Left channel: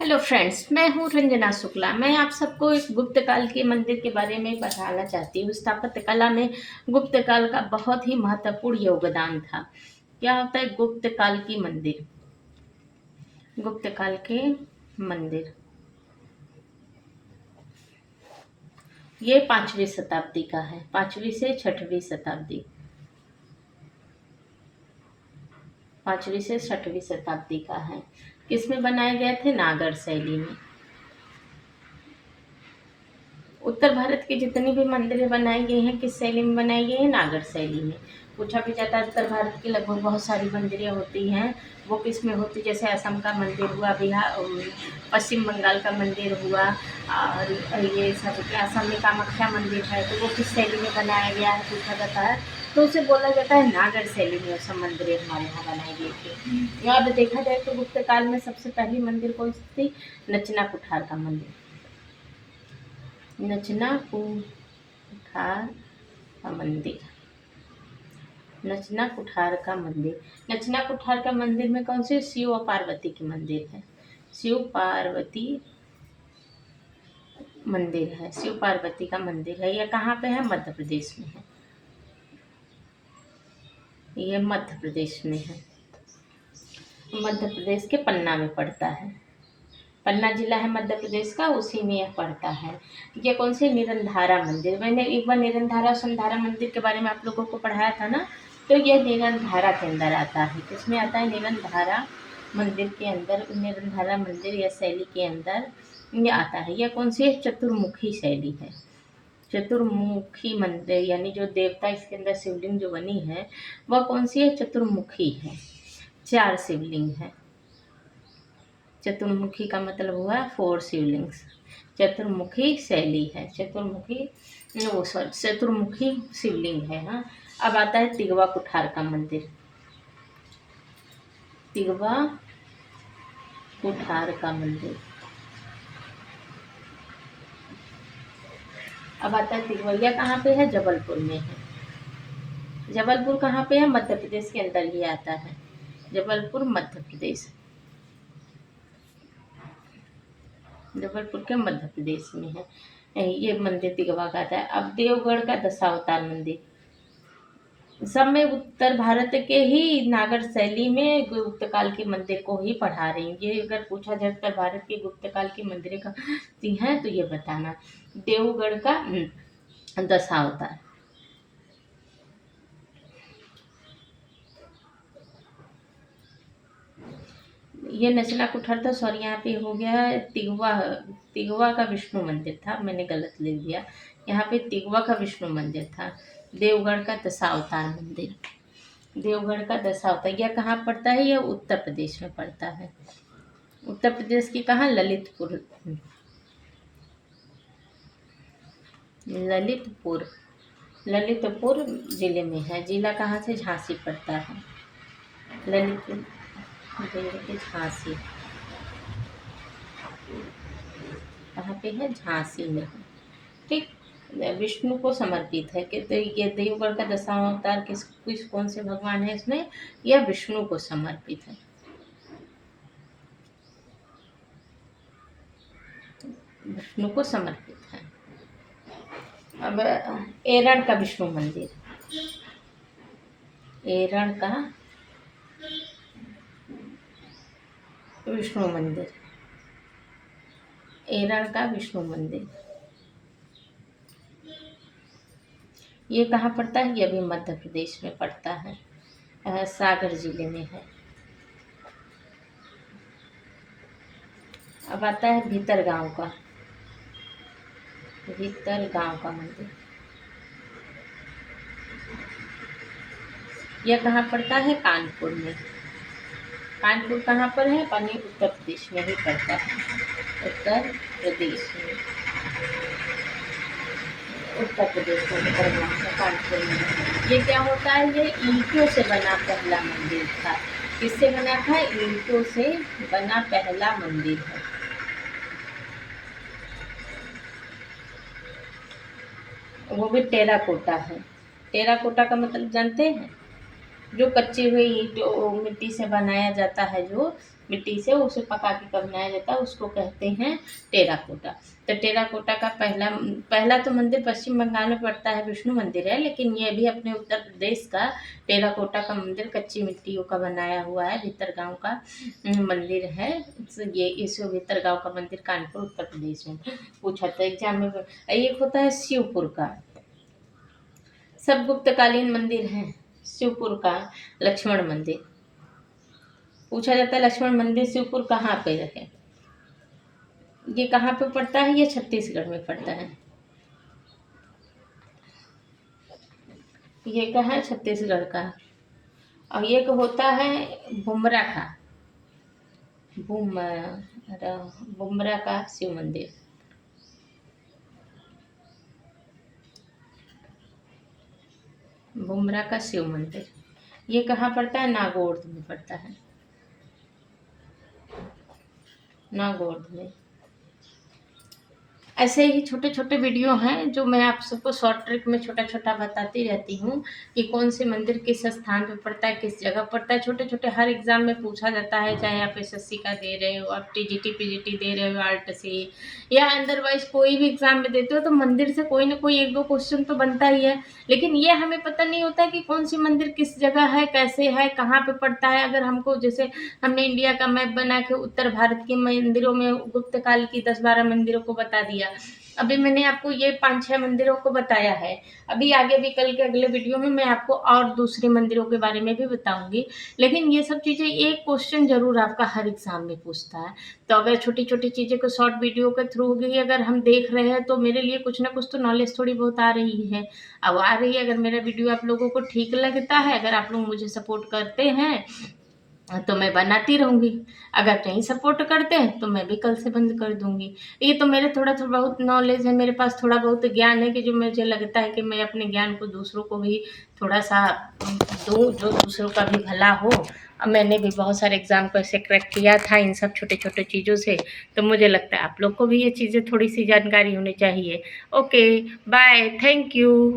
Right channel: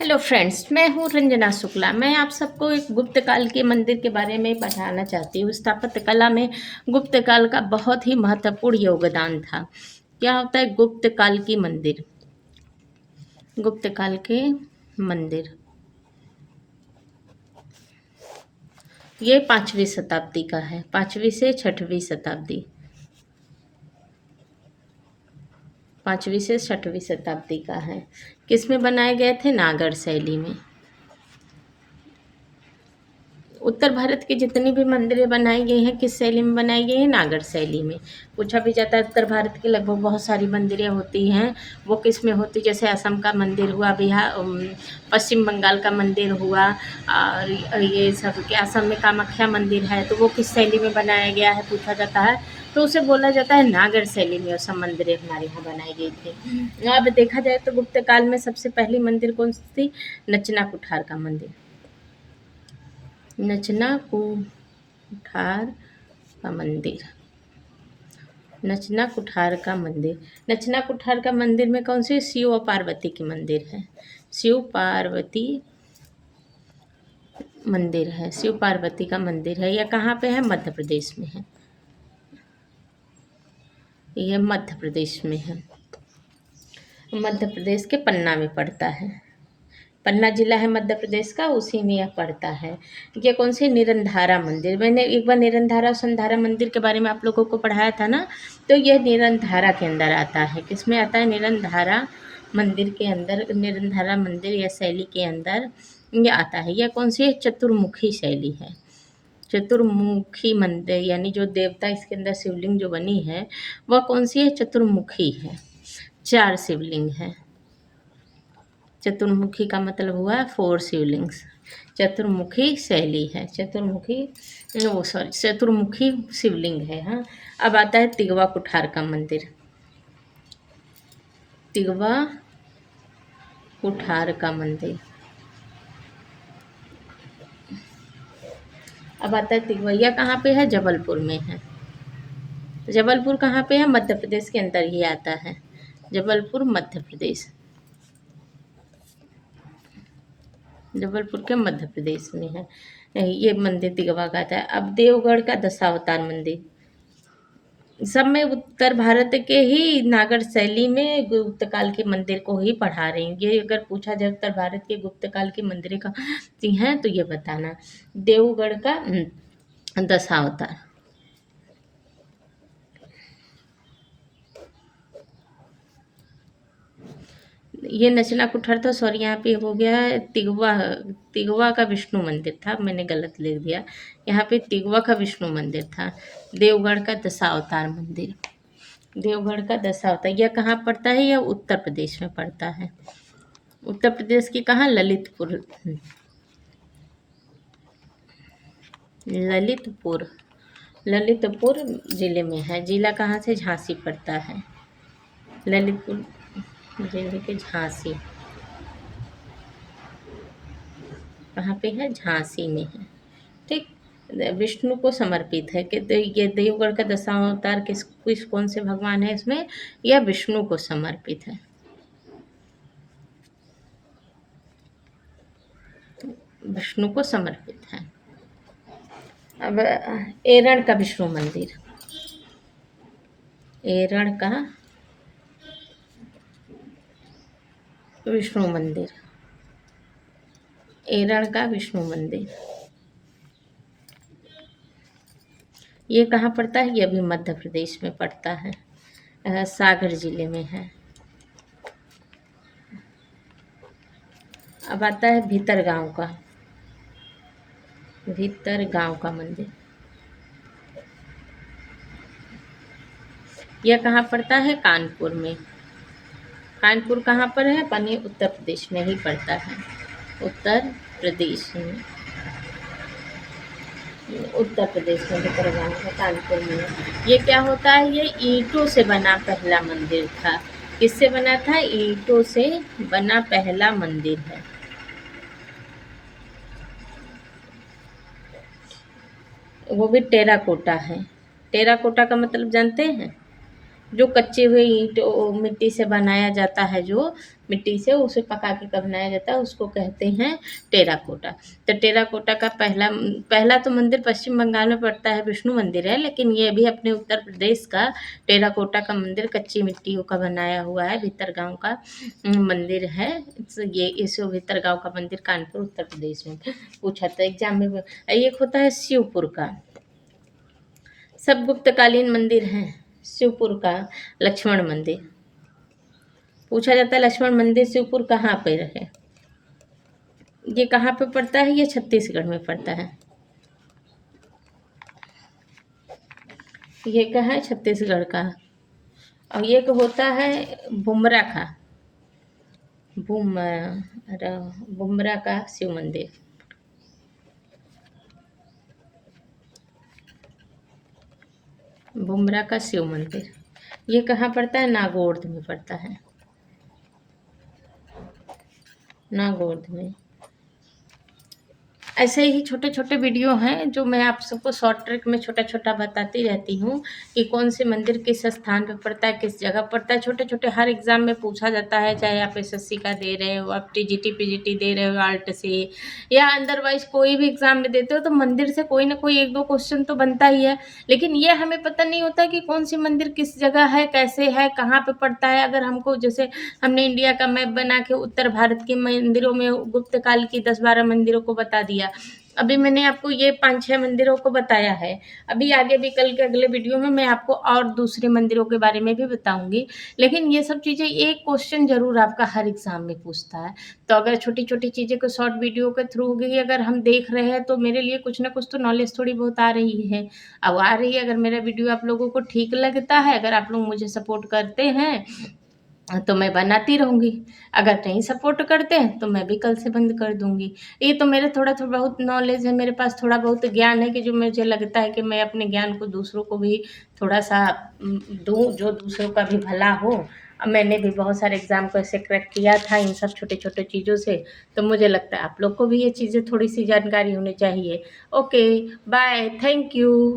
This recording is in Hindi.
हेलो फ्रेंड्स, मैं हूँ रंजना शुक्ला। मैं आप सबको एक गुप्त काल के मंदिर के बारे में बताना चाहती हूँ। स्थापत्य कला में गुप्त काल का बहुत ही महत्वपूर्ण योगदान था। क्या होता है गुप्त काल की मंदिर? गुप्त काल के मंदिर ये 5वीं शताब्दी का है, 5वीं से 6वीं शताब्दी, 5वीं से 6वीं शताब्दी का है। किस में बनाए गए थे? नागर शैली में। उत्तर भारत की जितनी भी मंदिरें बनाई गई हैं किस शैली में बनाई गई हैं? नागर शैली में। पूछा भी जाता है उत्तर भारत की लगभग बहुत सारी मंदिरें होती हैं, वो किस में होती? जैसे असम का मंदिर हुआ, बिहार, पश्चिम बंगाल का मंदिर हुआ, और ये सब के असम में कामाख्या मंदिर है, तो वो किस शैली में बनाया गया है पूछा जाता है, तो उसे बोला जाता है नागर शैली में वो सब मंदिरें हमारे यहाँ बनाई गई थी। अब देखा जाए तो गुप्त काल में सबसे पहली मंदिर कौन सी थी? नचना कुठार का मंदिर। नचना कुठार का मंदिर, नचना कुठार का मंदिर। नचना कुठार का मंदिर में कौन सी? शिव और पार्वती की मंदिर है। शिव पार्वती मंदिर है, शिव पार्वती का मंदिर है। यह कहाँ पे है? मध्य प्रदेश में है। यह मध्य प्रदेश में है, मध्य प्रदेश के पन्ना में पड़ता है। पन्ना जिला है मध्य प्रदेश का, उसी में यह पड़ता है। ये कौन सी? निरंधारा मंदिर। मैंने एक बार निरंधारा संधारा मंदिर के बारे में आप लोगों को पढ़ाया था ना, तो यह निरंधारा के अंदर आता है। किसमें आता है? निरंधारा मंदिर के अंदर, निरंधारा मंदिर या शैली के अंदर ये आता है। यह कौन सी है? चतुर्मुखी शैली है। चतुर्मुखी मंदिर यानी जो देवता इसके अंदर शिवलिंग जो बनी है वह कौन सी है? चतुर्मुखी है। 4 शिवलिंग है। चतुर्मुखी का मतलब हुआ 4 शिवलिंग्स। चतुर्मुखी शैली है, चतुर्मुखी, वो सॉरी, चतुर्मुखी शिवलिंग है। हाँ, अब आता है तिगवा कुठार का मंदिर। तिगवा कुठार का मंदिर, अब आता है तिगवा। यह कहाँ पे है? जबलपुर में है। जबलपुर कहाँ पे है? मध्य प्रदेश के अंदर ही आता है। जबलपुर मध्य प्रदेश, जबलपुर के मध्य प्रदेश में है। ये मंदिर तिगवा का था। अब देवगढ़ का दशावतार मंदिर, सब में उत्तर भारत के ही नागर शैली में गुप्त काल के मंदिर को ही पढ़ा रही हूँ। ये अगर पूछा जाए उत्तर भारत के गुप्त काल की मंदिरें कहाँ हैं तो ये बताना। देवगढ़ का दशावतार, ये नचला कुठार था, सॉरी यहाँ पे हो गया है तिगवा। तिगवा का विष्णु मंदिर था, मैंने गलत लिख दिया। यहाँ पे तिगवा का विष्णु मंदिर था। देवगढ़ का दशावतार मंदिर, देवगढ़ का दशावतार, यह कहाँ पड़ता है? यह उत्तर प्रदेश में पड़ता है। उत्तर प्रदेश की कहाँ? ललितपुर, ललितपुर, ललितपुर जिले में है। जिला कहाँ से? झांसी पड़ता है। ललितपुर जिले के झांसी, कहाँ पे है? झांसी में है। ठीक, विष्णु को समर्पित है कि ये देवगढ़ का दशावतार किस कौन से भगवान है इसमें? यह विष्णु को समर्पित है, विष्णु को समर्पित है। अब एरण का विष्णु मंदिर, एरण का विष्णु मंदिर, एरण का विष्णु मंदिर, ये कहाँ पड़ता है? ये भी मध्य प्रदेश में पड़ता है, सागर जिले में है। अब आता है भीतर गांव का, भीतर गांव का मंदिर, यह कहाँ पड़ता है? कानपुर में। कानपुर कहाँ पर है? अपने उत्तर प्रदेश में ही पड़ता है। उत्तर प्रदेश में, उत्तर प्रदेश में भीतर गांव का कानपुर में है। ये क्या होता है? ये ईंटों से बना पहला मंदिर था। किससे बना था? ईंटों से बना पहला मंदिर है। वो भी टेराकोटा है। टेराकोटा का मतलब जानते हैं? जो कच्चे हुए ईंट मिट्टी से बनाया जाता है, जो मिट्टी से उसे पका के कब बनाया जाता है उसको कहते हैं टेराकोटा। तो टेराकोटा का पहला पहला तो मंदिर पश्चिम बंगाल में पड़ता है, विष्णु मंदिर है, लेकिन ये भी अपने उत्तर प्रदेश का टेराकोटा का मंदिर कच्ची मिट्टियों का बनाया हुआ है, भीतरगांव का मंदिर है। ये इस भीतरगांव का मंदिर कानपुर उत्तर प्रदेश में पूछा था एग्जाम में। एक होता है शिवपुर का, सब गुप्तकालीन मंदिर हैं। शिवपुर का लक्ष्मण मंदिर पूछा जाता है, लक्ष्मण मंदिर शिवपुर कहाँ पे है, ये कहाँ पे पड़ता है, ये छत्तीसगढ़ में पड़ता है। ये कहाँ है, छत्तीसगढ़ का। और ये होता है बुमरा का, बुमरा का शिव मंदिर। बुमरा का शिव मंदिर ये कहाँ पड़ता है, नागौर में पड़ता है, नागौर में। ऐसे ही छोटे छोटे वीडियो हैं जो मैं आप सबको शॉर्ट ट्रिक में छोटा छोटा बताती रहती हूँ कि कौन से मंदिर किस स्थान पे पड़ता है, किस जगह पड़ता है। छोटे छोटे हर एग्ज़ाम में पूछा जाता है, चाहे आप एसएससी का दे रहे हो, आप टीजीटी पीजीटी दे रहे हो आर्ट से, या अदरवाइज कोई भी एग्ज़ाम में देते हो, तो मंदिर से कोई ना कोई एक दो क्वेश्चन तो बनता ही है। लेकिन ये हमें पता नहीं होता कि कौन सी मंदिर किस जगह है, कैसे है, कहाँ पे पड़ता है। अगर हमको जैसे हमने इंडिया का मैप बना के उत्तर भारत के मंदिरों में गुप्त काल की 10-12 मंदिरों को बता दिया। अभी मैंने आपको ये 5-6 मंदिरों को बताया है। अभी आगे भी कल के अगले वीडियो में मैं आपको और दूसरे मंदिरों के बारे में भी बताऊंगी। लेकिन ये सब चीज़ें एक क्वेश्चन जरूर आपका हर एग्जाम में पूछता है। तो अगर छोटी छोटी चीज़ें को शॉर्ट वीडियो के थ्रू भी अगर हम देख रहे हैं तो मेरे लिए कुछ ना कुछ तो नॉलेज थोड़ी बहुत आ रही है। अब आ रही है, अगर मेरा वीडियो आप लोगों को ठीक लगता है, अगर आप लोग मुझे सपोर्ट करते हैं तो मैं बनाती रहूँगी। अगर नहीं सपोर्ट करते हैं तो मैं भी कल से बंद कर दूँगी। ये तो मेरा थोड़ा थोड़ा बहुत नॉलेज है, मेरे पास थोड़ा बहुत ज्ञान है कि जो मुझे लगता है कि मैं अपने ज्ञान को दूसरों को भी थोड़ा सा दूँ, जो दूसरों का भी भला हो। अब मैंने भी बहुत सारे एग्ज़ाम को ऐसे क्रैक किया था इन सब छोटे छोटे चीज़ों से, तो मुझे लगता है आप लोग को भी ये चीज़ें थोड़ी सी जानकारी होनी चाहिए। Okay, bye, thank you.